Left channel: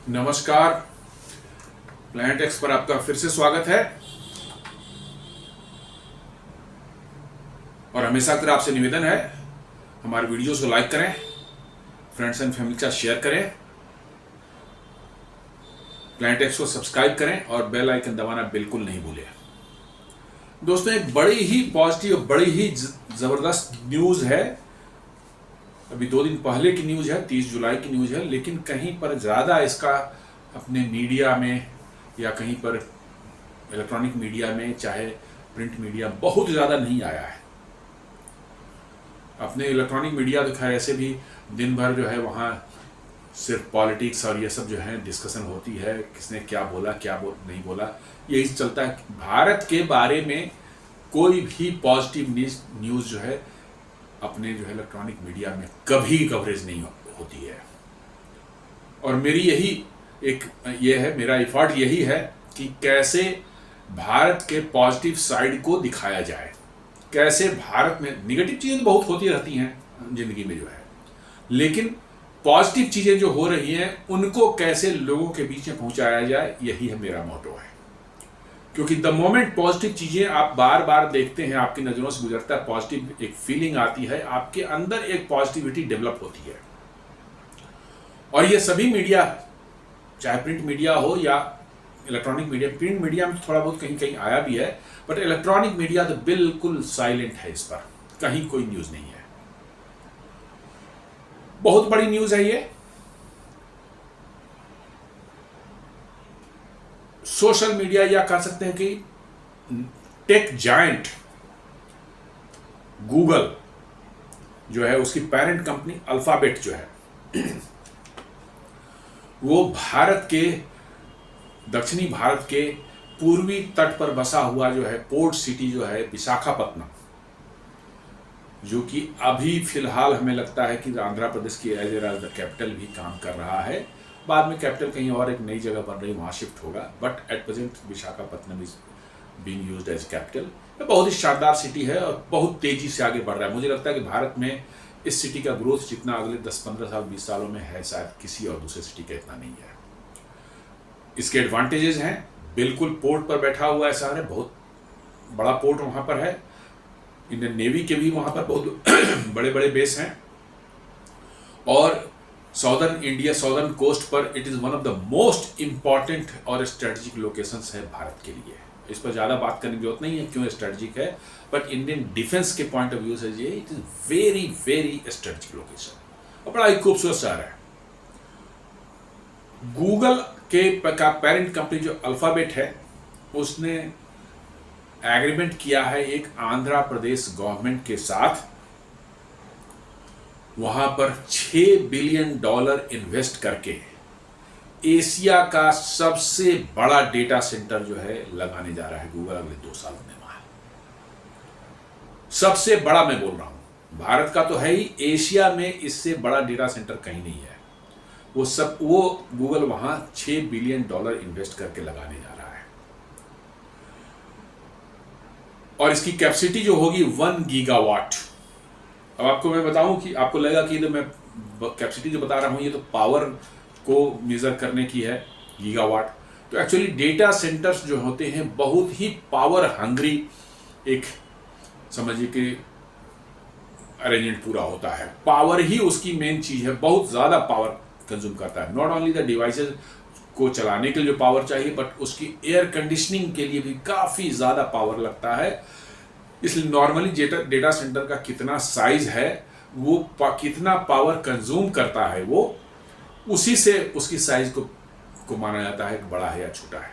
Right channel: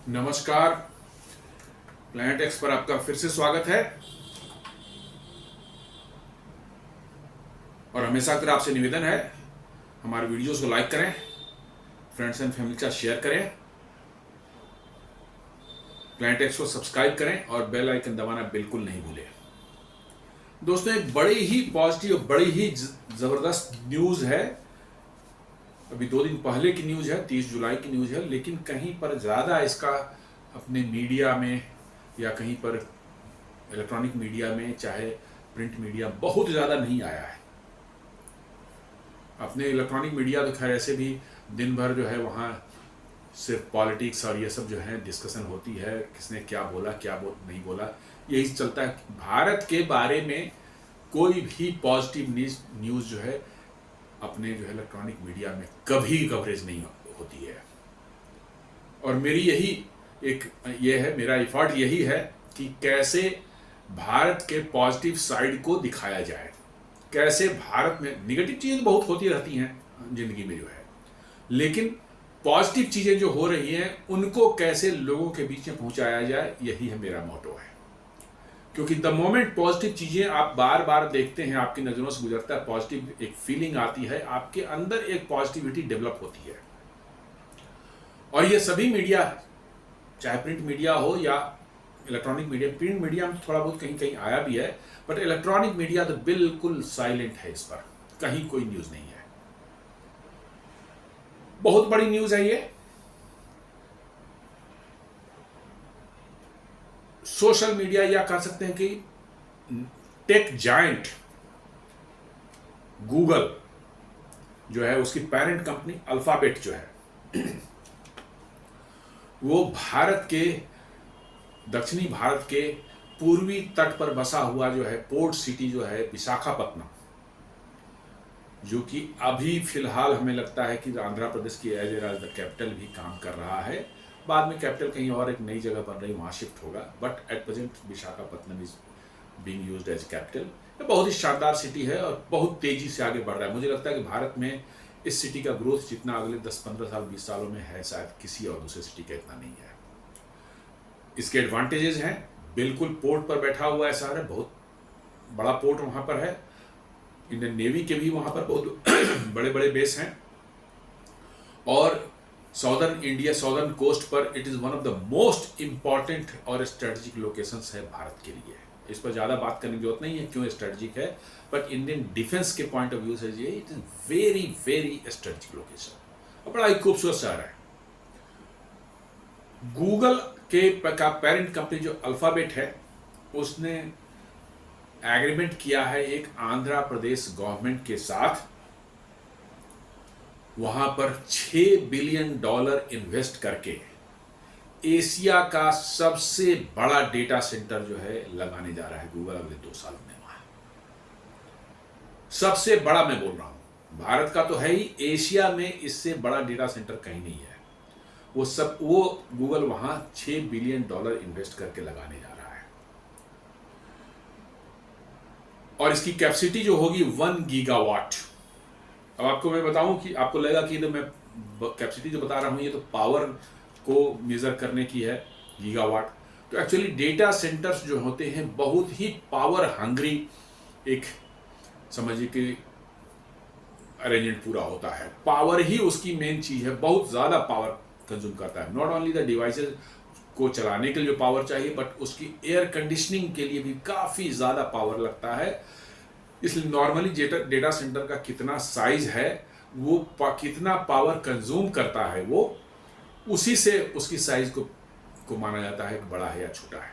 नमस्कार। Planet x पर आपका फिर से स्वागत है और हमेशा की तरह आपसे निवेदन है हमारे वीडियोस को लाइक करें, फ्रेंड्स एंड फैमिली के साथ शेयर करें, प्लैनेट एक्स को सब्सक्राइब करें और बेल आइकन दबाना बिल्कुल नहीं भूलें। दोस्तों, एक बड़ी ही पॉजिटिव, बड़ी ही ज़बरदस्त न्यूज़ है। अभी 2 दिन पहले की न्यूज़ है, 30 जुलाई की न्यूज़ है, लेकिन कहीं पर ज़्यादा इसका अपने मीडिया में या कहीं पर इलेक्ट्रॉनिक मीडिया में, चाहे प्रिंट मीडिया, बहुत ज़्यादा नहीं आया है। अपने इलेक्ट्रॉनिक मीडिया तो खैर ऐसे भी दिन भर जो है वहाँ सिर्फ पॉलिटिक्स और ये सब जो है डिस्कशन होती है, किसने क्या बोला, नहीं बोला, यही चलता है। भारत के बारे में कोई भी पॉजिटिव न्यूज़ जो है अपने जो है इलेक्ट्रॉनिक मीडिया में कभी कवरेज नहीं होती है। और मेरी यही ये है, मेरा एफर्ट यही है कि कैसे भारत के पॉजिटिव साइड को दिखाया जाए। कैसे भारत में निगेटिव चीज़ें बहुत होती रहती हैं जिंदगी में जो है, लेकिन पॉजिटिव चीज़ें जो हो रही हैं उनको कैसे लोगों के बीच में पहुंचाया जाए, यही है मेरा मोटो है। क्योंकि द मोमेंट पॉजिटिव चीज़ें आप बार बार देखते हैं, आपकी नज़रों से गुजरता है, पॉजिटिव एक फीलिंग आती है, आपके अंदर एक पॉजिटिविटी डेवलप होती है। और ये सभी मीडिया, चाहे प्रिंट मीडिया हो या इलेक्ट्रॉनिक मीडिया, प्रिंट मीडिया में थोड़ा बहुत कहीं कहीं आया भी है, बट इलेक्ट्रॉनिक मीडिया तो बिल्कुल साइलेंट है, इस पर कहीं कोई न्यूज़ नहीं है। बहुत बड़ी न्यूज़ है ये। सोशल मीडिया, या कह सकते हैं कि टेक जायंट गूगल जो है, उसकी पेरेंट कंपनी अल्फाबेट जो है वो भारत के, दक्षिणी भारत के पूर्वी तट पर बसा हुआ जो है पोर्ट सिटी जो है विशाखापत्तनम, जो कि अभी फिलहाल हमें लगता है कि आंध्र प्रदेश की एज द कैपिटल भी काम कर रहा है। बाद में कैपिटल कहीं और एक नई जगह बन रही, वहाँ शिफ्ट होगा, but at present Visakhapatnam is being used as capital. ये बहुत ही शानदार सिटी है और बहुत तेजी से आगे बढ़ रहा है। मुझे लगता है कि भारत में इस सिटी का ग्रोथ जितना अगले 10-15 साल 20 सालों में है, शायद किसी और दूसरे सिटी का इतना नहीं है। इसके एडवांटेजेस हैं, बिल्कुल पोर्ट पर बैठा हुआ है शहर है, बहुत बड़ा पोर्ट वहाँ पर है, इंडियन नेवी के भी वहाँ पर बहुत बड़े बड़े बेस हैं, और साउदर्न इंडिया, साउदर्न कोस्ट पर it is one of the most important और स्ट्रेटजिक लोकेशंस है भारत के लिए। इस पर ज़्यादा बात करने की जरूरत नहीं है क्यों स्ट्रेटजिक है, बट इंडियन डिफेंस के पॉइंट ऑफ व्यू से ये it is very very strategic location और बड़ा ही खूबसूरत शहर है। गूगल के का पेरेंट कंपनी जो अल्फाबेट है, उसने एग्रीमेंट किया है एक आंध्र प्रदेश गवर्नमेंट के साथ, वहां पर $6 बिलियन इन्वेस्ट करके एशिया का सबसे बड़ा डेटा सेंटर जो है लगाने जा रहा है गूगल अगले 2 सालों में। वहां सबसे बड़ा मैं बोल रहा हूं, भारत का तो है ही, एशिया में इससे बड़ा डेटा सेंटर कहीं नहीं है। वो गूगल वहां $6 बिलियन इन्वेस्ट करके लगाने जा रहा है, और इसकी कैपेसिटी जो होगी 1 गीगावाट। अब आपको मैं बताऊं कि आपको लगेगा कि मैं कैपेसिटी जो बता रहा हूं ये तो पावर को मेजर करने की है, गीगावाट। तो एक्चुअली डेटा सेंटर्स जो होते हैं बहुत ही पावर हंग्री, एक समझिए कि अरेंजमेंट पूरा होता है। पावर ही उसकी मेन चीज है, बहुत ज्यादा पावर कंज्यूम करता है। नॉट ओनली द डिवाइसेस को चलाने के लिए पावर चाहिए, बट उसकी एयर कंडीशनिंग के लिए भी काफी ज्यादा पावर लगता है। इसलिए नॉर्मली डेटा सेंटर का कितना साइज है, वो कितना पावर कंज्यूम करता है, वो उसी से उसकी साइज को माना जाता है कि बड़ा है या छोटा है।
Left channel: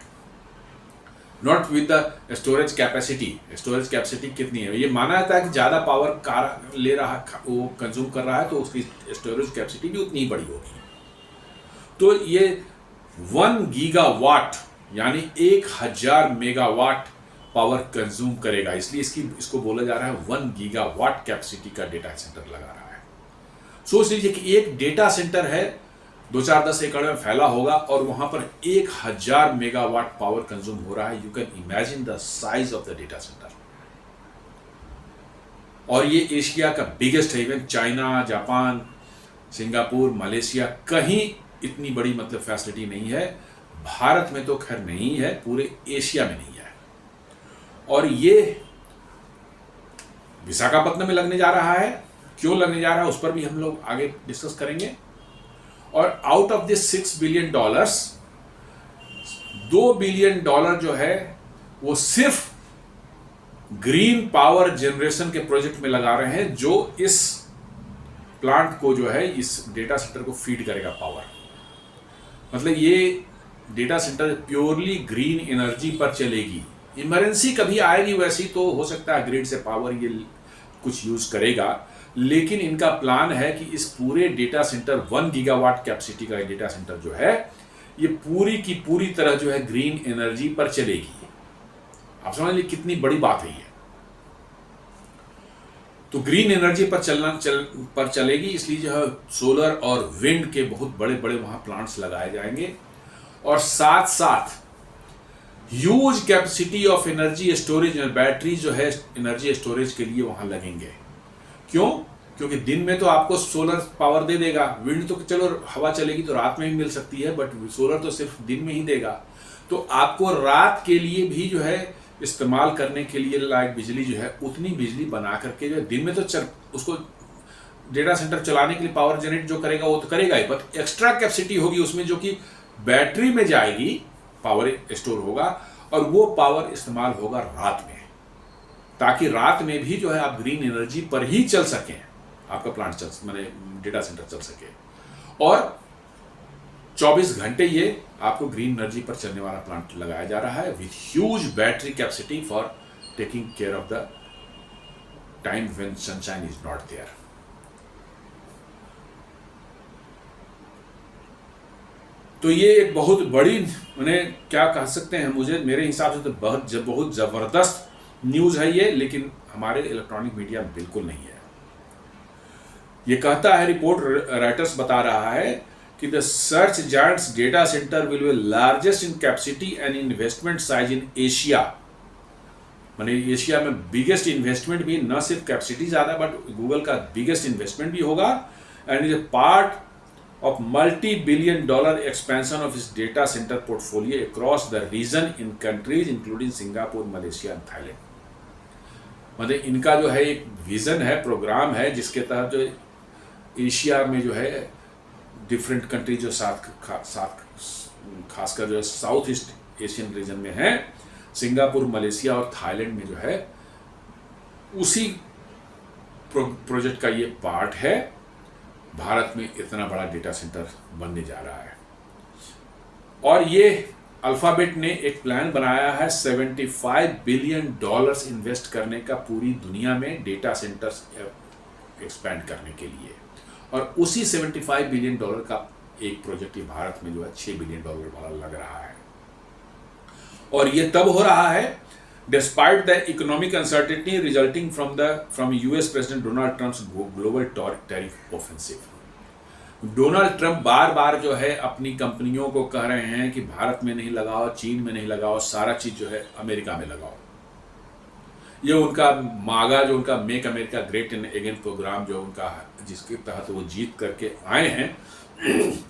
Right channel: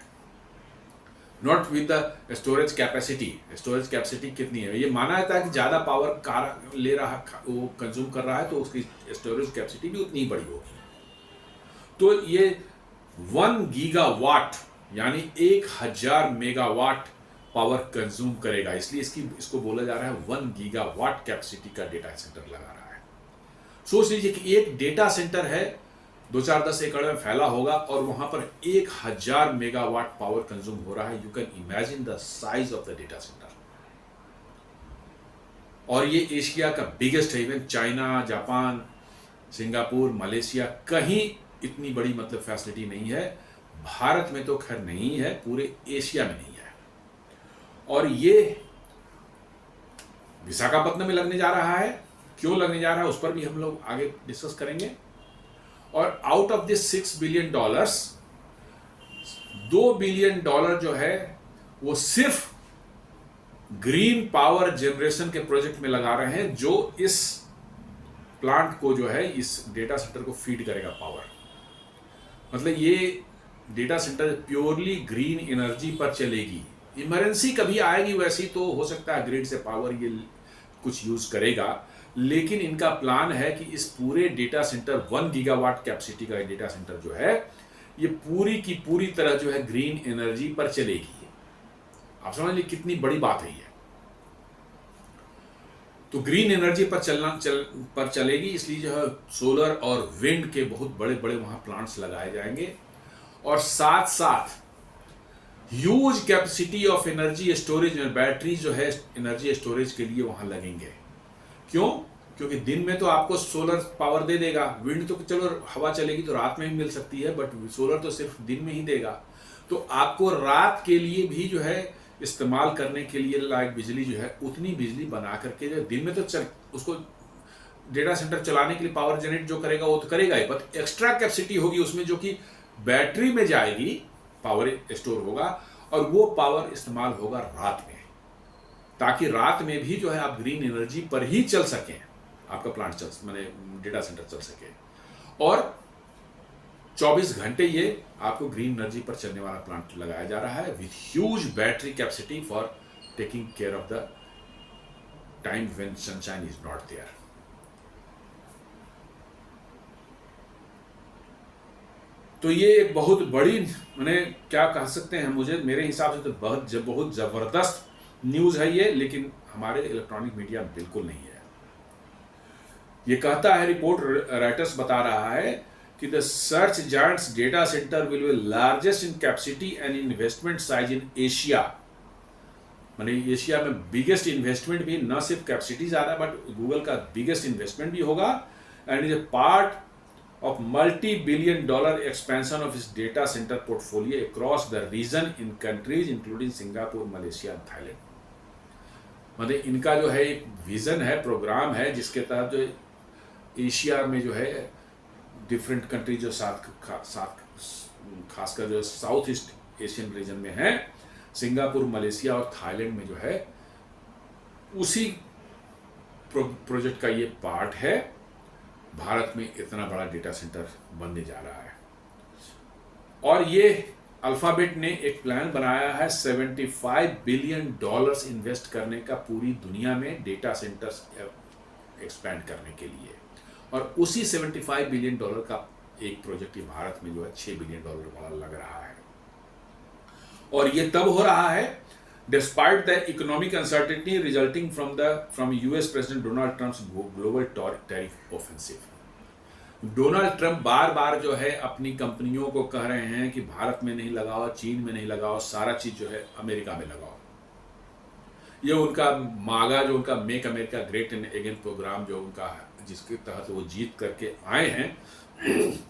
Not with the storage capacity. Storage capacity कितनी है ये माना जाता है कि ज़्यादा पावर कार ले रहा है, वो कंज्यूम कर रहा है, तो उसकी स्टोरेज कैपेसिटी भी उतनी बड़ी होगी। तो ये 1 गीगावाट यानी 1000 मेगावाट पावर कंज्यूम करेगा, इसलिए इसको बोला जा रहा है 1 गीगावाट कैपेसिटी का डेटा सेंटर लगा रहा है। सोच लीजिए कि एक डेटा सेंटर है, 2-4-10 एकड़ में फैला होगा और वहां पर 1000 मेगावाट पावर कंज्यूम हो रहा है। You can imagine the size of the data centre. और ये एशिया का बिगेस्ट है। Even China, Japan, Singapore, Malaysia, कहीं इतनी बड़ी मतलब फैसिलिटी नहीं है। भारत में तो खैर नहीं है, पूरे एशिया में नहीं है। और ये विशाखापट्टनम में लगने जा रहा है। क्यों लगने जा रहा है उस पर भी हम लोग आगे डिस्कस करेंगे। और out of this $6 billion, $2 billion जो है वो सिर्फ ग्रीन पावर जनरेशन के प्रोजेक्ट में लगा रहे हैं, जो इस प्लांट को जो है, इस डेटा सेंटर को फीड करेगा पावर। मतलब ये data centre purely green energy पर चलेगी। इमरजेंसी कभी आएगी वैसी तो हो सकता है ग्रिड से पावर ये कुछ यूज करेगा, लेकिन इनका प्लान है कि इस पूरे डेटा सेंटर 1 गीगावाट कैपेसिटी का डेटा सेंटर जो है ये पूरी की पूरी तरह जो है ग्रीन एनर्जी पर चलेगी। आप समझ लीजिए कितनी बड़ी बात है ये। तो ग्रीन एनर्जी पर चलेगी, इसलिए जो है सोलर और विंड के बहुत बड़े बड़े वहां प्लांट्स लगाए जाएंगे। और साथ साथ huge capacity of energy storage, battery जो है एनर्जी स्टोरेज के लिए वहां लगेंगे। क्यों? क्योंकि दिन में तो आपको सोलर पावर दे देगा, विंड तो चलो हवा चलेगी तो रात में भी मिल सकती है, बट सोलर तो सिर्फ दिन में ही देगा। तो आपको रात के लिए भी जो है इस्तेमाल करने के लिए लाइक बिजली जो है उतनी बिजली बना करके जो दिन में तो उसको डेटा सेंटर चलाने के लिए पावर जनरेट जो करेगा वो तो करेगा ही, बट एक्स्ट्रा कैपेसिटी होगी उसमें जो कि बैटरी में जाएगी, पावर स्टोर होगा और वो पावर इस्तेमाल होगा रात में, ताकि रात में भी जो है आप ग्रीन एनर्जी पर ही चल सकें, आपका प्लांट चल माने डेटा सेंटर चल सके। और 24 घंटे ये आपको ग्रीन एनर्जी पर चलने वाला प्लांट लगाया जा रहा है with huge battery capacity for taking care of the time when sunshine is not there. तो ये एक बहुत बड़ी, उन्हें क्या कह सकते हैं, मुझे मेरे हिसाब से तो बहुत जबरदस्त न्यूज है ये, लेकिन हमारे इलेक्ट्रॉनिक मीडिया में बिल्कुल नहीं है। ये कहता है, रिपोर्ट राइटर्स बता रहा है कि the search giants data centre will be largest in capacity and investment size in Asia. माने एशिया में बिगेस्ट इन्वेस्टमेंट भी, न सिर्फ कैपेसिटी ज्यादा बट गूगल का बिगेस्ट इन्वेस्टमेंट भी होगा, and is a part of multi-billion dollar expansion of its data center portfolio across the region in countries including Singapore, Malaysia and Thailand। मतलब इनका जो है एक विजन है, प्रोग्राम है, जिसके तहत जो एशिया में जो है डिफरेंट कंट्री जो साथ खासकर जो साउथ ईस्ट एशियन रीजन में है, सिंगापुर, मलेशिया और थाईलैंड में जो है, उसी प्रोजेक्ट का ये पार्ट है। भारत में इतना बड़ा डेटा सेंटर बनने जा रहा है। और ये अल्फाबेट ने एक प्लान बनाया है $75 बिलियन इन्वेस्ट करने का पूरी दुनिया में डेटा सेंटर्स एक्सपैंड करने के लिए, और उसी $75 बिलियन का एक प्रोजेक्ट भारत में जो है $6 बिलियन वाला लग रहा है। और ये तब हो रहा है despite the economic uncertainty resulting from US President Donald Trump's global tariff offensive। Donald Trump बार बार जो है अपनी कंपनियों को कह रहे हैं कि भारत में नहीं लगाओ, चीन में नहीं लगाओ, सारा चीज जो है अमेरिका में लगाओ। ये उनका मागा, जो उनका make America great again programme जो उनका, जिसके तहत वो जीत करके आए हैं,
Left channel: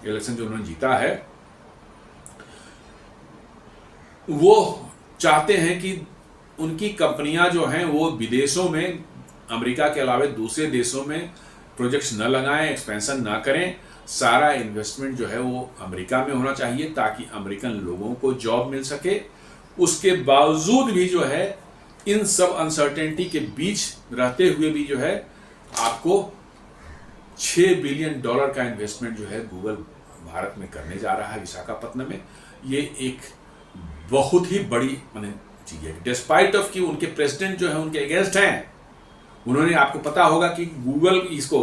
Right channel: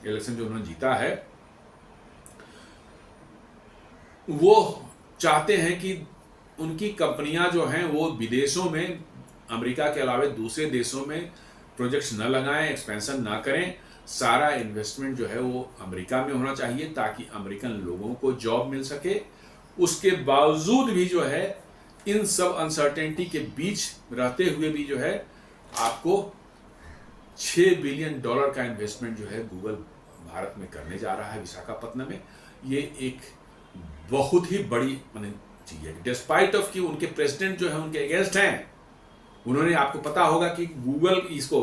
इलेक्शन जो उन्होंने जीता है, वो चाहते हैं कि उनकी कंपनियां जो हैं वो विदेशों में, अमेरिका के अलावा दूसरे देशों में प्रोजेक्ट्स न लगाएं, एक्सपेंशन ना करें। सारा इन्वेस्टमेंट जो है वो अमेरिका में होना चाहिए ताकि अमेरिकन लोगों को जॉब मिल सके। उसके बावजूद भी जो है इन सब अनसर्टेनिटी के बीच रहते हुए भी जो है आपको $6 बिलियन का इन्वेस्टमेंट जो है गूगल भारत में करने जा रहा है, विशाखापट्टनम में। ये एक बहुत ही बड़ी माने चीज है, डिस्पाइट ऑफ कि उनके प्रेसिडेंट जो है उनके अगेंस्ट हैं। उन्होंने, आपको पता होगा कि गूगल इसको,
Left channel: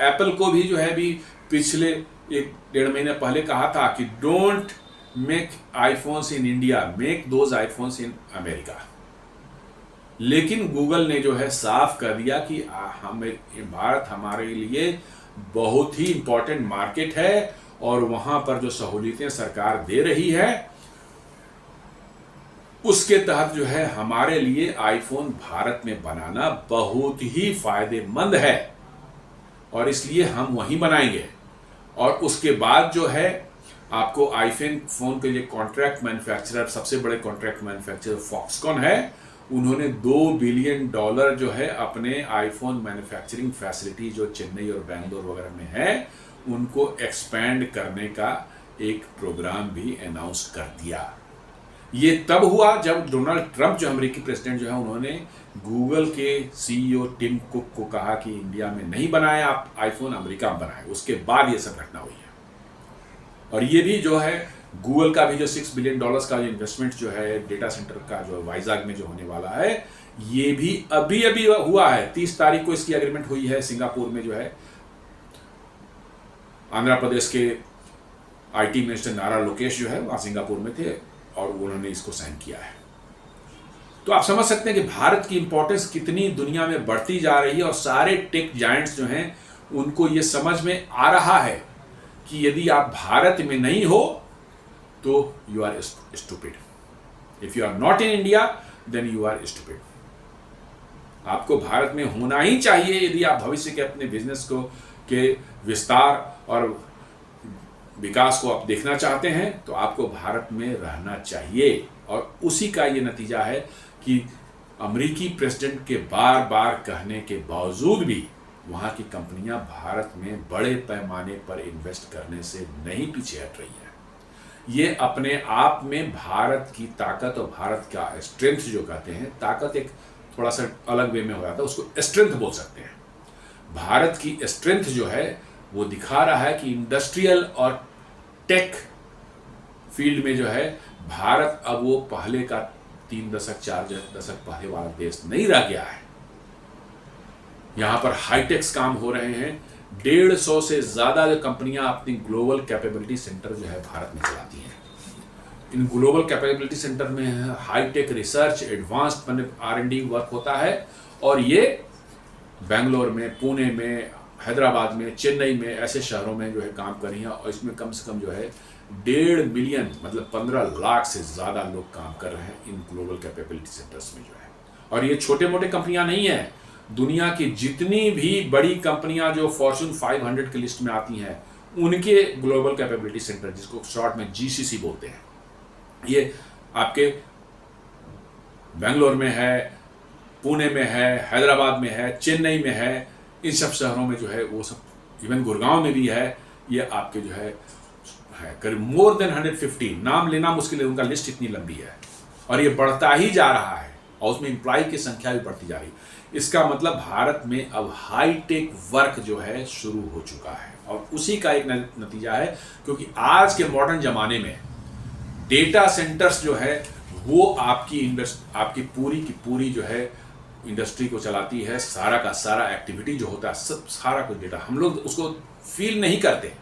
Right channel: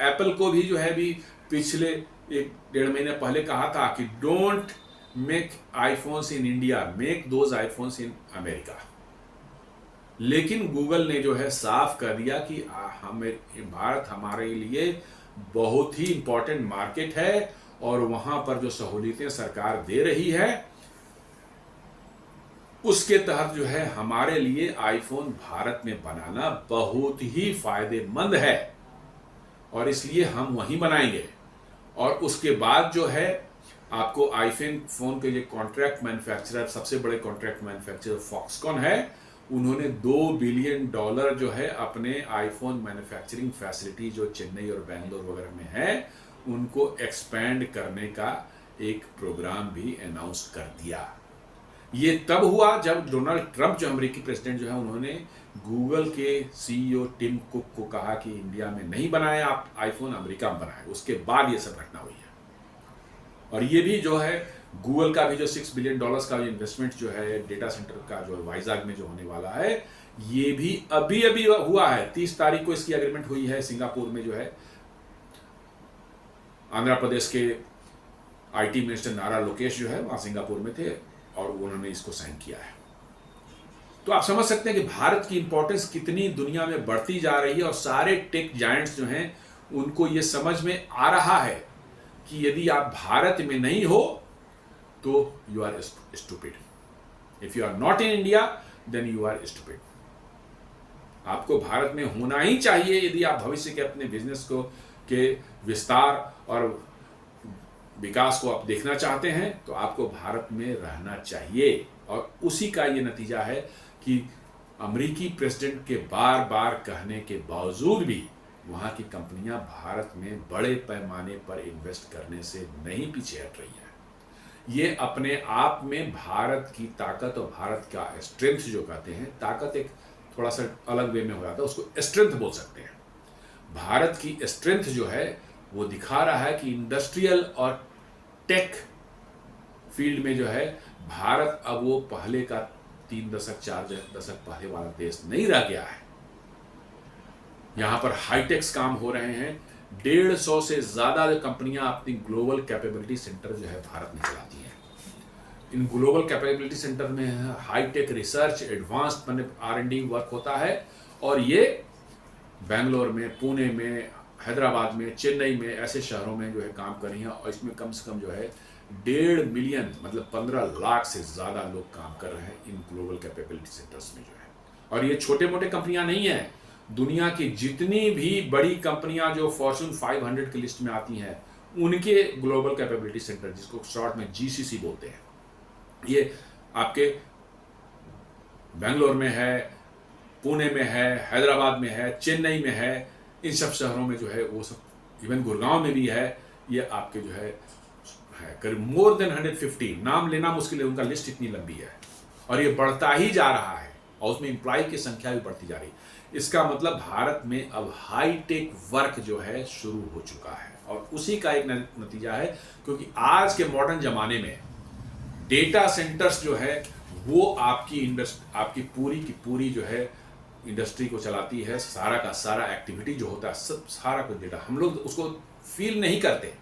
एप्पल को भी जो है भी पिछले 1-1.5 महीने पहले कहा था कि don't make iPhones in India, make those iPhones in America. लेकिन गूगल ने जो है साफ कर दिया कि भारत हमारे लिए बहुत ही इंपॉर्टेंट मार्केट है और वहां पर जो सहूलियतें सरकार दे रही है उसके तहत जो है हमारे लिए आईफोन भारत में बनाना बहुत ही फायदेमंद है, और इसलिए हम वहीं बनाएंगे। और उसके बाद जो है आपको आईफोन फोन के लिए कॉन्ट्रैक्ट मैन्युफैक्चरर, सबसे बड़े कॉन्ट्रैक्ट मैन्युफैक्चरर फॉक्सकॉन है, उन्होंने $2 बिलियन जो है अपने आईफोन मैन्युफैक्चरिंग फैसिलिटी जो चेन्नई और बैंगलोर वगैरह में है उनको एक्सपैंड करने का एक प्रोग्राम भी अनाउंस कर दिया। ये तब हुआ जब डोनाल्ड ट्रंप जो अमेरिकी प्रेसिडेंट जो है उन्होंने गूगल के सीईओ टिम कुक को कहा कि इंडिया में नहीं बनाए आप आईफोन, अमेरिका में बनाए। उसके बाद ये सब घटना हुई है। और ये भी जो है गूगल का भी जो $6 बिलियन का इन्वेस्टमेंट जो है डेटा सेंटर का जो वाइजाग में जो होने वाला है, ये भी अभी अभी हुआ है। 30 तारीख को इसकी एग्रीमेंट हुई है सिंगापुर में जो है। आंध्र प्रदेश के आईटी मिनिस्टर नारा लोकेश जो है वहां सिंगापुर में थे और उन्होंने इसको साइन किया है। तो आप समझ सकते हैं कि भारत की इंपॉर्टेंस कितनी दुनिया में बढ़ती जा रही है और सारे टेक जायंट्स जो हैं उनको ये समझ में आ रहा है कि यदि आप भारत में नहीं हो तो you are stupid. If you are not in India then you are stupid. आपको भारत में होना ही चाहिए यदि आप भविष्य के अपने बिजनेस को के विस्तार और विकास को आप देखना चाहते हैं तो आपको भारत में रहना चाहिए। और उसी का ये नतीजा है कि अमेरिकी प्रेसिडेंट के बार बार कहने के बावजूद भी वहाँ की कंपनियां भारत में बड़े पैमाने पर इन्वेस्ट करने से नहीं पीछे हट रही है। ये अपने आप में भारत की ताकत और भारत का स्ट्रेंथ जो कहते हैं, ताकत एक थोड़ा सा अलग वे में हो जाता है, उसको स्ट्रेंथ बोल सकते हैं। भारत की स्ट्रेंथ जो है वो दिखा रहा है कि इंडस्ट्रियल और टेक फील्ड में जो है भारत अब वो पहले का 3 दशक 4 दशक पहले वाला देश नहीं रह गया है। यहाँ पर हाईटेक्स काम हो रहे हैं। 150 से ज़्यादा जो कंपनियां अपनी ग्लोबल कैपेबिलिटी सेंटर जो है भारत में चलाती हैं। इन ग्लोबल कैपेबिलिटी सेंटर में hi tech research, advanced R&D work होता है और ये बेंगलोर में, पुणे में, हैदराबाद में, चेन्नई में ऐसे शहरों में जो है काम कर रही हैं। और इसमें कम से कम जो है 1.5 मिलियन मतलब 15 लाख से ज़्यादा लोग काम कर रहे हैं इन ग्लोबल कैपेबिलिटी सेंटर्स में जो है। और ये छोटे मोटे कंपनियां नहीं हैं। दुनिया की जितनी भी बड़ी कंपनियां जो फॉर्च्यून 500 की लिस्ट में आती हैं उनके ग्लोबल कैपेबिलिटी सेंटर, जिसको शॉर्ट में GCC बोलते हैं, ये आपके बेंगलोर में है, पुणे में है, हैदराबाद में है, चेन्नई में है। इन सब शहरों में जो है वो सब, इवन गुड़गांव में भी है। ये आपके जो है करीब मोर देन 150, नाम लेना मुश्किल है, उनका लिस्ट इतनी लंबी है और ये बढ़ता ही जा रहा है और उसमें एम्प्लॉय की संख्या भी बढ़ती जा रही है। इसका मतलब भारत में अब हाईटेक वर्क जो है शुरू हो चुका है और उसी का एक नतीजा है, क्योंकि आज के मॉडर्न जमाने में डेटा सेंटर्स जो है वो आपकी पूरी की पूरी जो है इंडस्ट्री को चलाती है। सारा का सारा एक्टिविटी जो होता है, सब सारा कुछ डेटा, हम लोग उसको फील नहीं करते,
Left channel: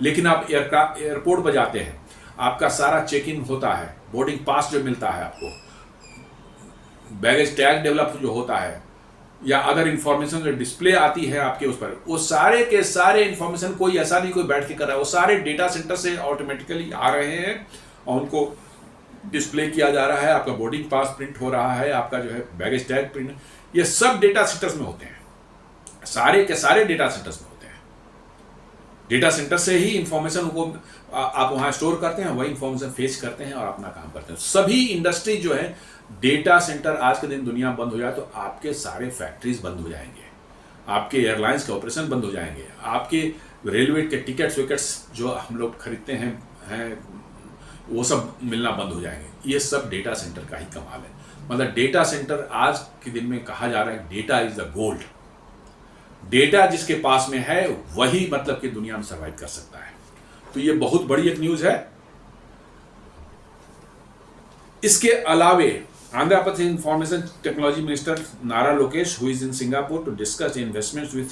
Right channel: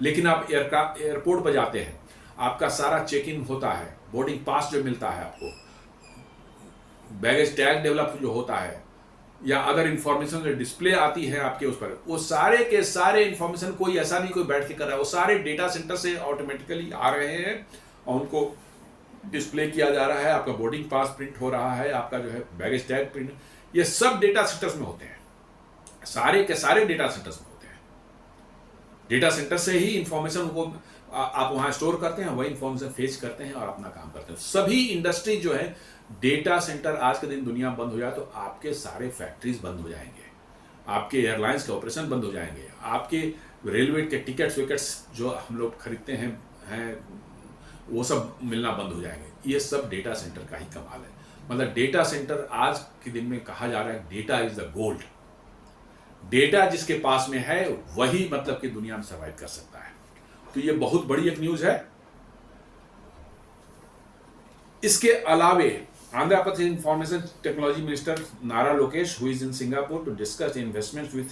लेकिन आप एयरपोर्ट पर जाते हैं, आपका सारा चेक इन होता है, बोर्डिंग पास जो मिलता है आपको, बैगेज टैग डेवलप जो होता है या अदर इंफॉर्मेशन जो डिस्प्ले आती है आपके उस पर, वो सारे के सारे इंफॉर्मेशन कोई ऐसा नहीं कोई बैठ के कर रहा है, वो सारे डेटा सेंटर से ऑटोमेटिकली आ रहे हैं और उनको डिस्प्ले किया जा रहा है। आपका बोर्डिंग पास प्रिंट हो रहा है, आपका जो है बैगेज टैग प्रिंट, ये सब डेटा सेंटर्स में होते हैं। सारे के सारे डेटा सेंटर्स में होते हैं। डेटा सेंटर से ही इंफॉर्मेशन को आप वहां स्टोर करते हैं, वही इंफॉर्मेशन फेच करते हैं और अपना काम करते हैं। सभी इंडस्ट्री जो है, डेटा सेंटर आज के दिन दुनिया बंद हो जाए तो आपके सारे फैक्ट्रीज बंद हो जाएंगे, आपके एयरलाइंस के ऑपरेशन बंद हो जाएंगे, आपके रेलवे के टिकट्स विकेट्स जो हम लोग खरीदते हैं वो सब मिलना बंद हो जाएंगे। ये सब डेटा सेंटर का ही कमाल है। मतलब डेटा सेंटर आज के दिन में कहा जा रहा है data is the gold. Data जिसके पास में है वही मतलब कि दुनिया में सर्वाइव कर सकता है। तो ये बहुत बड़ी एक न्यूज है। इसके अलावे Andhra Pradesh information technology minister Nara Lokesh, who is in Singapore to discuss investments with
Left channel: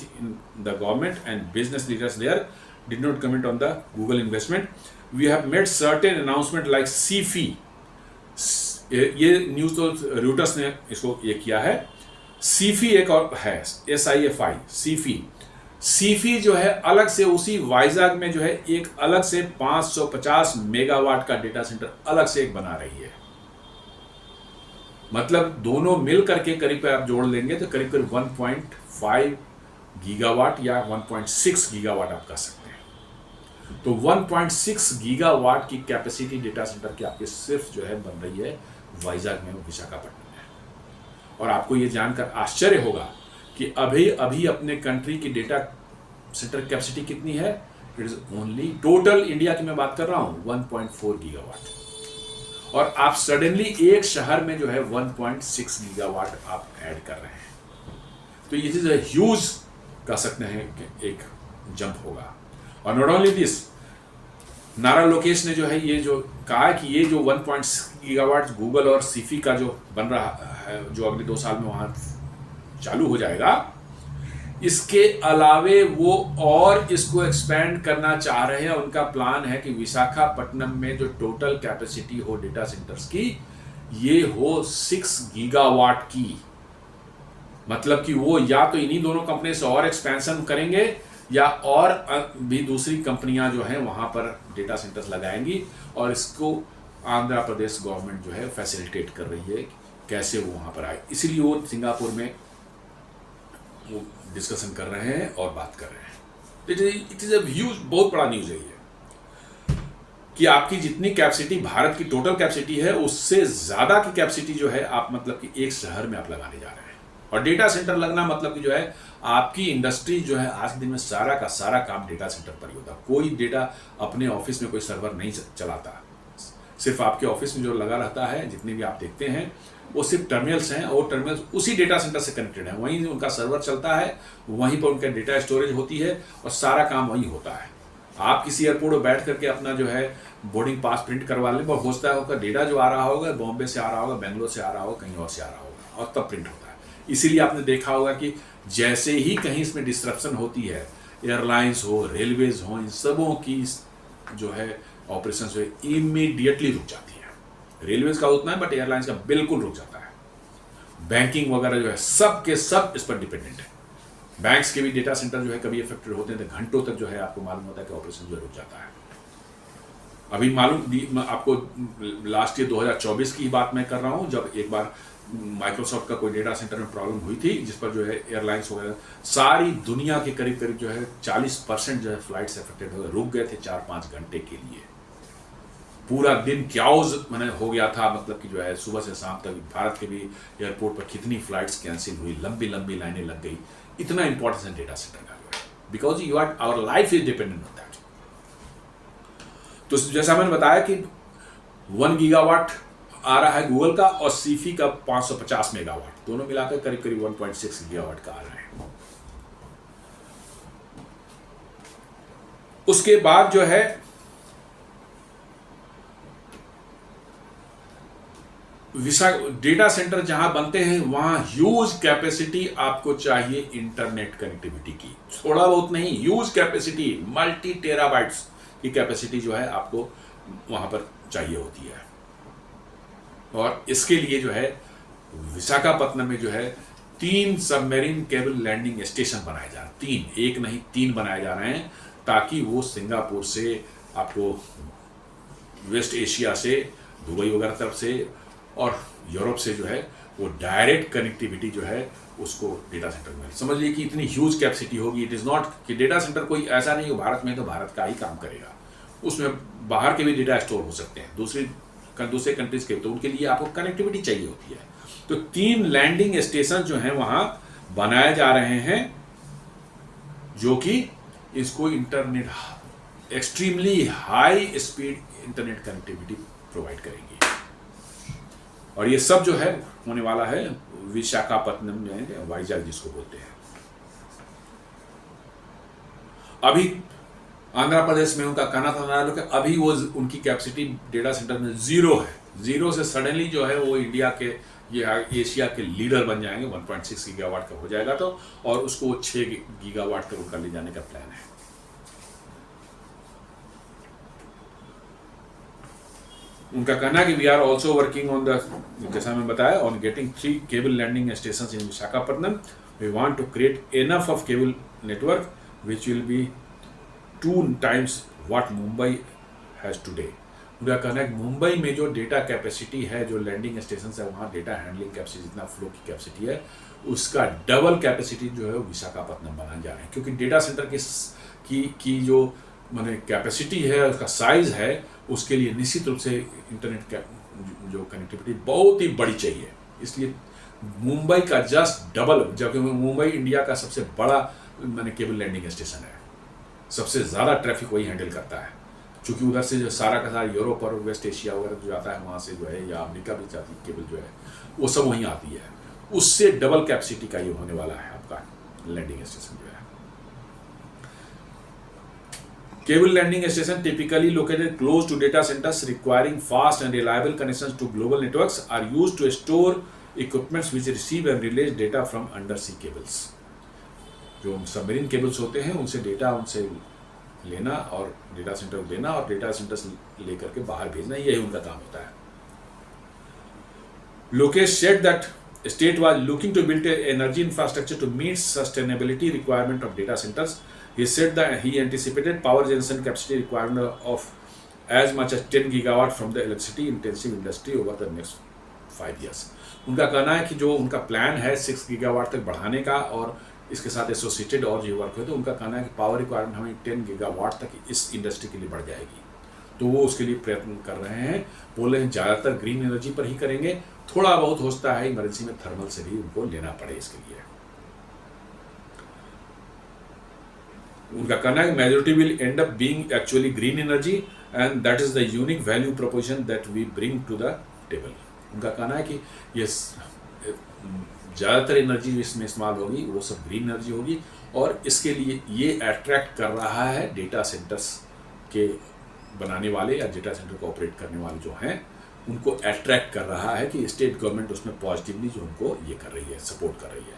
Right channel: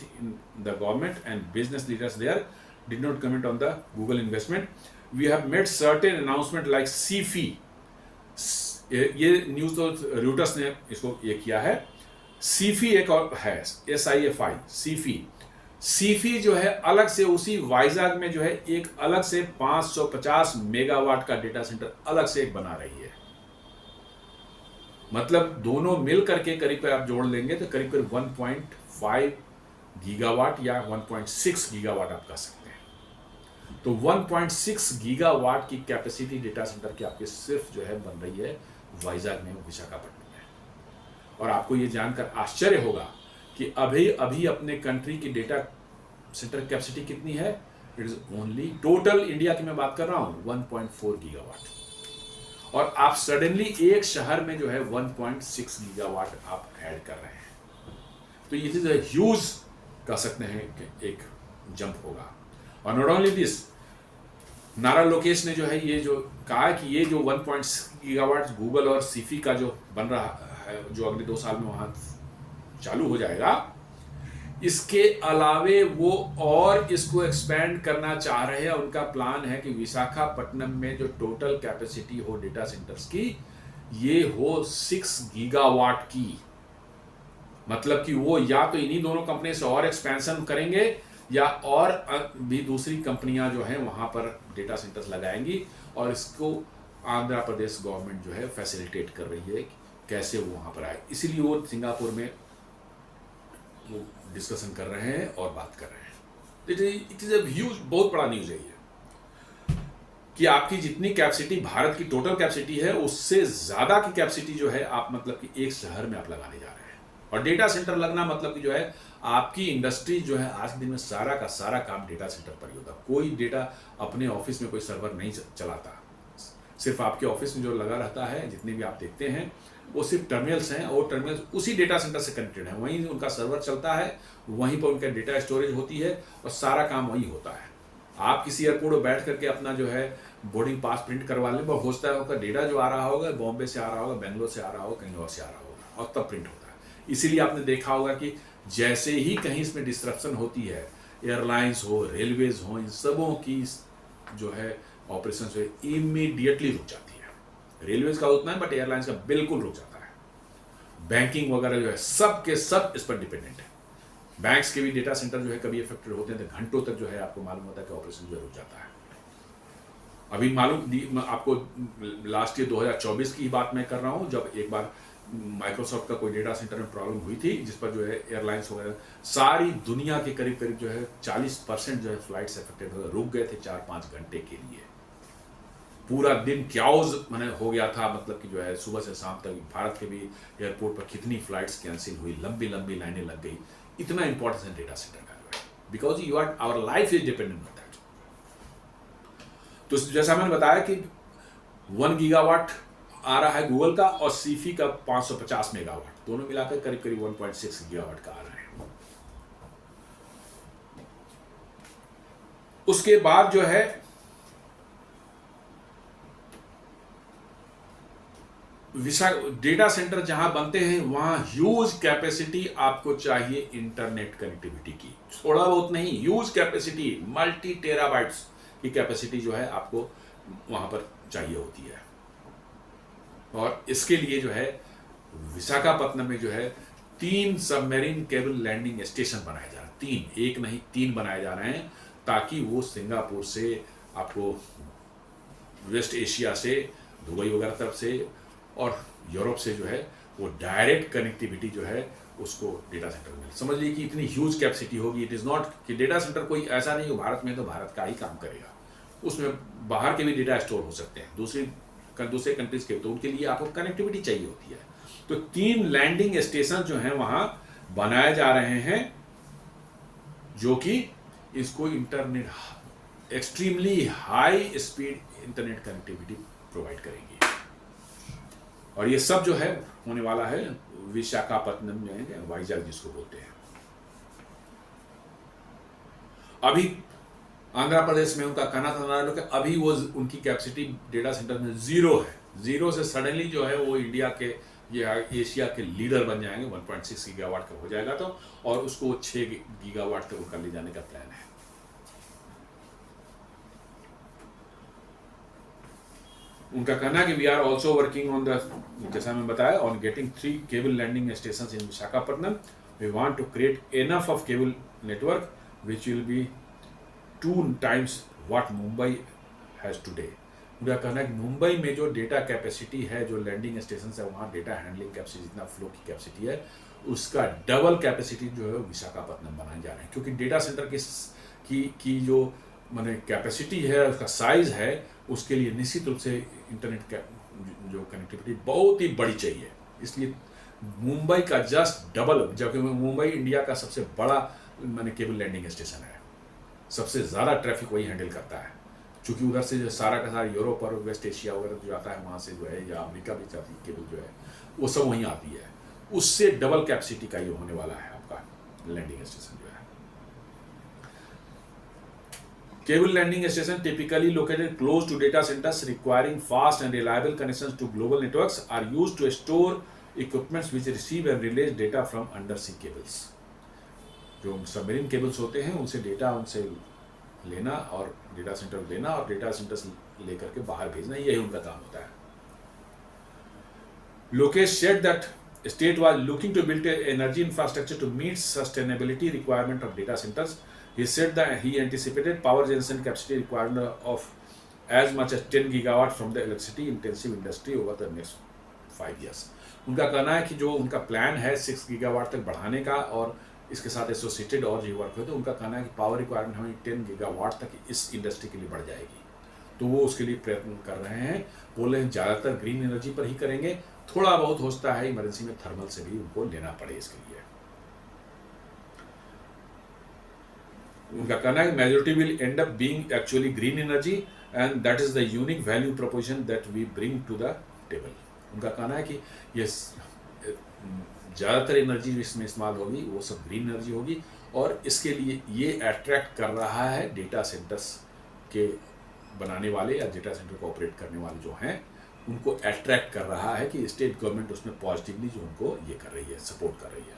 the government and business leaders there, did not comment on the Google investment. We have made certain announcement like Sify, ये news तो routers ने इसको ये किया है। सीफी एक और है, SIFI सीफी जो है अलग से उसी वाइजाग में जो है एक अलग से 550 मेगावाट का डेटा सेंटर अलग से एक बना रही है। मतलब दोनों मिल करके करीब आप जोड़ लेंगे तो करीब 1.5 गीगावाट या 1.6 गीगावाट आप कर सकते हैं। तो 1.6 गीगावाट की कैपेसिटी डेटा सेंटर की आपके सिर्फ जो है बन रही है वाइजाग में, विशाखापट्टनम में। और आपको ये जानकर आश्चर्य होगा कि अभी अभी अपने कंट्री की डेटा सेंटर कैपेसिटी कितनी है? It is only, total India की मैं बात कर रहा हूं, 1.4 गीगावाट। और आप सडनली एक शहर में जो है 1.6 गीगावाट आप ऐड कर रहे हैं, तो ये चीज ह्यूज कह सकते हैं कि एक जंप होगा। और नॉट ओनली दिस, नारा लोकेश ने जो है ये जो कहा कि ये जो 1.6 गीगावाट गूगल और सीफी का जो बन रहा है, जो अगले 2 साल में वहां चालू हो जाएगा, इसके अलावे वो और इसको एक्सपेंड करना चाह रहे हैं। उनका प्लान है कि विशाखापट्टनम में जो टोटल कैपेसिटी हो डेटा सेंटर्स की, ये हो 6 गीगावाट की। मतलब कि वो या तो इन्हीं दोनों कंपनी से और एक्सपेंशन करेंगे, या और भी दूसरी कंपनियां जो हैं वहां पर डेटा सेंटर्स लगाएंगी, और इसको आंध्र प्रदेश गवर्नमेंट जो है फैसिलिटेट कर रही है कैसे वो वहां पर आए। इसीलिए वो सिंगापुर में वो डिस्कशन कर रहे हैं और बात कर रहे हैं। इट इज अ ह्यूज, बहुत बड़ा न्यूज है ये, कि आपकी जितनी कैपेसिटी भारत की टोटल कैपेसिटी है, उससे ज्यादा की कैपेसिटी जो है आप मतलब कि एक शहर में आप लगाने जा रहे हैं। और डेटा सेंटर लगना मतलब कि जो है आपकी इंडस्ट्री जो है आज के दिन में सारा का सारा काम डेटा सेंटर पर ही होता। कोई डेटा अपने ऑफिस में कोई सर्वर नहीं चलाता, सिर्फ आपके ऑफिस में जो लगा रहता है, जितने भी आप देखते हैं वो सिर्फ टर्मिनल्स हैं, और टर्मिनल्स उसी डेटा सेंटर से कनेक्टेड है, वहीं उनका सर्वर चलता है, वहीं पर उनका डेटा स्टोरेज होती है, और सारा काम वहीं होता है। आप किसी एयरपोर्ट पर बैठ करके अपना जो है बोर्डिंग पास प्रिंट करवा लें, वो होता है उसका डेटा जो आ रहा होगा, बॉम्बे से आ रहा होगा, बेंगलोर से आ रहा होगा, कहीं और से आ रहा होगा, और तब प्रिंट होता है। इसीलिए आपने देखा होगा कि जैसे ही कहीं इसमें डिस्ट्रप्शन होती है, एयरलाइंस हो, रेलवेज हो, इन सबों की जो है ऑपरेशन जो है इमीडिएटली रुक जाती है। रेलवेज का उतना है, बट एयरलाइंस का बिल्कुल रुक जाता है। बैंकिंग वगैरह जो है सब के सब इस पर डिपेंडेंट है। बैंक्स के भी डेटा सेंटर जो है कभी इफेक्टेड होते हैं तो घंटों तक जो है आपको मालूम होता है कि ऑपरेशन जो रुक जाता है। अभी मालूम आपको, लास्ट ईयर 2024 की बात मैं कर रहा हूं, जब एक बार माइक्रोसॉफ्ट का कोई डेटा सेंटर में प्रॉब्लम हुई थी, जिस पर जो है एयरलाइंस वगैरह सारी दुनिया के करीब करीब जो है 40% जो है फ्लाइट्स अफेक्टेड हो गए, रुक गए थे 4-5 घंटे के लिए। पूरा दिन क्याउज मैंने हो गया था, मतलब कि जो है सुबह से शाम तक भारत के भी एयरपोर्ट पर कितनी फ्लाइट्स कैंसिल हुई, लंबी लंबी लाइनें लग गई। इतना इंपॉर्टेंस है डेटा सेंटर का जो है, because you are, our life is dependent on that. तो जैसा मैंने बताया कि 1 गीगावाट आ रहा है गूगल का, और सीफी का 550 मेगावाट, दोनों मिलाकर करीब करीब 1.6 गीगावाट का आ रहा है। उसके बाद जो है डेटा सेंटर जहां बनते हैं वहां ह्यूज कैपेसिटी आपको चाहिए इंटरनेट कनेक्टिविटी की, थोड़ा बहुत नहीं, ह्यूज कैपेसिटी, मल्टी टेराबाइट्स की कैपेसिटी जो है आपको वहां पर चाहिए होती है। और इसके लिए जो है विशाखापट्टनम में जो है 3 सबमरीन केबल लैंडिंग स्टेशन बनाए जा रहे हैं, 3, एक नहीं 3 बनाए जा रहे हैं, ताकि वो सिंगापुर से आपको वेस्ट एशिया से, दुबई वगैरह तरफ से और यूरोप से जो है वो डायरेक्ट कनेक्टिविटी जो है उसको डेटा सेंटर में। समझ लीजिए कि इतनी ह्यूज कैपेसिटी होगी। इट इज़ नॉट कि डेटा सेंटर कोई ऐसा नहीं हो भारत में तो भारत का ही काम करेगा, उसमें बाहर के भी डेटा स्टोर हो सकते हैं, दूसरे कंट्रीज के, तो उनके लिए आपको कनेक्टिविटी चाहिए होती है। तो 3 लैंडिंग स्टेशन जो हैं वहां बनाए जा रहे हैं, जो कि इसको internet, extremely high speed internet connectivity provide करेंगे। और ये सब जो है होने वाला है विशाखापट्टनम में, वाइजाग जिसको बोलते हैं। अभी आंध्र प्रदेश में उनका कहना था कि अभी वो उनकी कैपेसिटी डेटा सेंटर में 0 है, 0 से सडनली जो है वो इंडिया के, ये एशिया के लीडर बन जाएंगे। 1.6 गीगावाट का हो जाएगा तो, और उसको 6 गीगावाट तक कर ले जाने का प्लान है। उनका कहना है कि we are also working on the, जैसा मैं बताया, on getting 3 cable landing station in Visakhapatnam. We want to create enough of cable network which will be 2 times what Mumbai has today. उनका कहना है कि मुंबई में जो डेटा कैपेसिटी है, जो लैंडिंग स्टेशन है, वहाँ डेटा हैंडलिंग कैपेसिटी, जितना फ्लो की कैपेसिटी है, उसका डबल कैपेसिटी जो है विशाखापट्टनम बनाने जा रहे हैं। क्योंकि डेटा सेंटर की जो माने कैपेसिटी है, उसका साइज है, उसके लिए निश्चित रूप से इंटरनेट जो कनेक्टिविटी बहुत ही बड़ी चाहिए। इसलिए मुंबई का जस्ट डबल, जबकि मुंबई इंडिया का सबसे बड़ा माने केबल लैंडिंग स्टेशन है, सबसे ज़्यादा ट्रैफिक वही हैंडल करता है, क्योंकि उधर से जो सारा का सारा यूरोप और वेस्ट एशिया वगैरह जो आता है वहाँ से जो है, या अमेरिका भी जाती है केबल जो है, वो सब वहीं आती है। उससे डबल कैपेसिटी का ये होने वाला है आपका लैंडिंग स्टेशन जो है। Cable landing station typically located close to data centers requiring fast and reliable connections to global networks are used to store equipments which receive and release data from undersea cables. जो submarine cables होते हैं उनसे data उनसे लेना और data centre को देना और डेटा सेंटर से लेकर के बाहर भेजना, यही उनका काम होता है। Lokesh said that state was looking to build an energy infrastructure to meet sustainability requirement of data centers. He said that he anticipated power generation capacity requirement of as much as 10 gigawatt from the electricity intensive industry over the next 5 years. उनका कहना है कि जो उनका plan है 6 gigawatt तक बढ़ाने का और इसके साथ एसोसिएटेड और जो वर्क है, तो उनका कहना है कि पावर रिक्वायरमेंट हमें 10 गीगावाट तक इस इंडस्ट्री के लिए बढ़ जाएगी। तो वो उसके लिए प्रयत्न कर रहे हैं। बोल रहे हैं ज़्यादातर ग्रीन एनर्जी पर ही करेंगे, थोड़ा बहुत हो सकता है इमरजेंसी में थर्मल से भी उनको लेना पड़े इसके लिए। उनका कहना है majority will end up being actually green energy and that is the unique value proposition that we bring to the table. उनका कहना है कि ये ज़्यादातर एनर्जी इसमें इस्तेमाल होगी वो सब ग्रीन एनर्जी होगी, और इसके लिए ये अट्रैक्ट कर रहा है डेटा सेंटर्स के बनाने वाले या डेटा सेंटर को ऑपरेट करने वाले जो हैं, उनको अट्रैक्ट कर रहा है कि स्टेट गवर्नमेंट उसमें पॉजिटिवली जो उनको ये कर रही है, सपोर्ट कर रही है।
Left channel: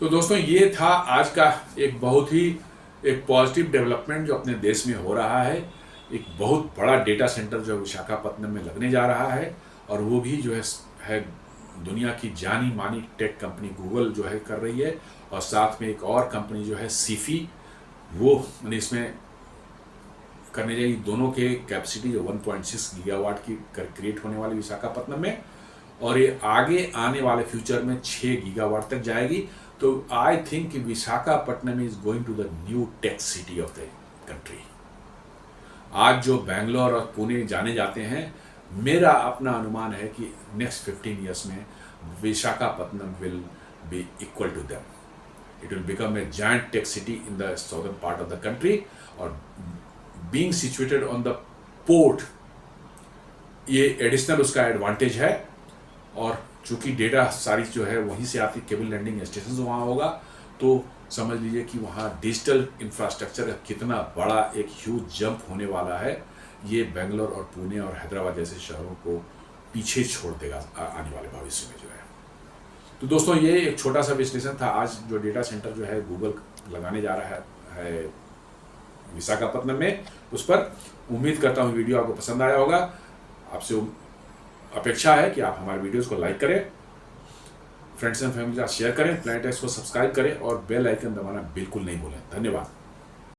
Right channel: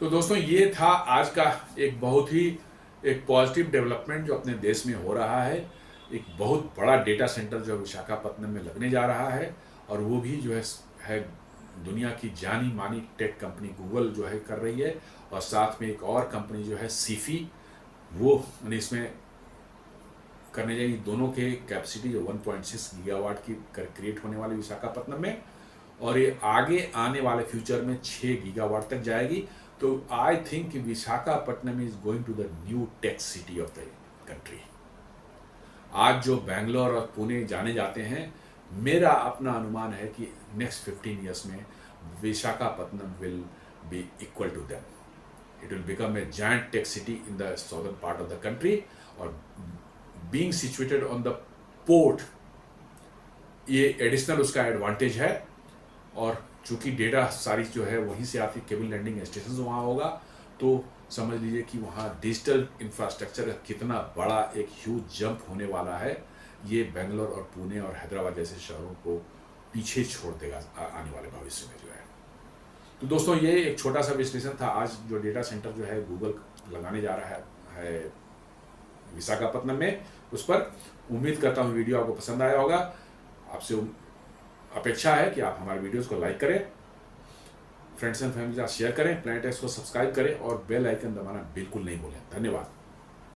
तो दोस्तों ये था आज का एक बहुत ही एक पॉजिटिव डेवलपमेंट जो अपने देश में हो रहा है। एक बहुत बड़ा डेटा सेंटर जो विशाखापत्तनम में लगने जा रहा है, और वो भी जो है दुनिया की जानी मानी टेक कंपनी गूगल जो है कर रही है, और साथ में एक और कंपनी जो है सीफी, वो इसमें करने जाएगी। दोनों के कैपेसिटी जो 1.6 गीगावाट की क्रिएट होने वाली विशाखापत्तनम में, और ये आगे आने वाले फ्यूचर में 6 गीगावाट तक जाएगी। तो I think Visakhapatnam is going to the new tech city of the country. आज जो बेंगलोर और पुणे जाने जाते हैं, मेरा अपना अनुमान है कि नेक्स्ट 15 ईयर्स में Visakhapatnam will be equal to them. It will become a giant tech city in the southern part of the country, और being situated on the port, ये एडिशनल उसका एडवांटेज है। और चूंकि डेटा सारी जो है वहीं से आती, केबल लैंडिंग स्टेशन वहाँ होगा, तो समझ लीजिए कि वहाँ डिजिटल इंफ्रास्ट्रक्चर का कितना बड़ा एक ह्यूज जंप होने वाला है। ये बेंगलोर और पुणे और हैदराबाद जैसे शहरों को पीछे छोड़ देगा आने वाले भविष्य में जो है। तो दोस्तों ये एक छोटा सा विश्लेषण था आज जो डेटा सेंटर जो है गूगल लगाने जा रहा है विशाखापत्तनम में, उस पर। उम्मीद करता हूँ वीडियो आपको पसंद आया होगा। आपसे अपेक्षा है कि आप हमारे वीडियोस को लाइक करें, फ्रेंड्स एंड फैमिली के साथ शेयर करें, प्लैनेट एक्स को सब्सक्राइब करें और बेल आइकन दबाना बिल्कुल नहीं भूलें। धन्यवाद।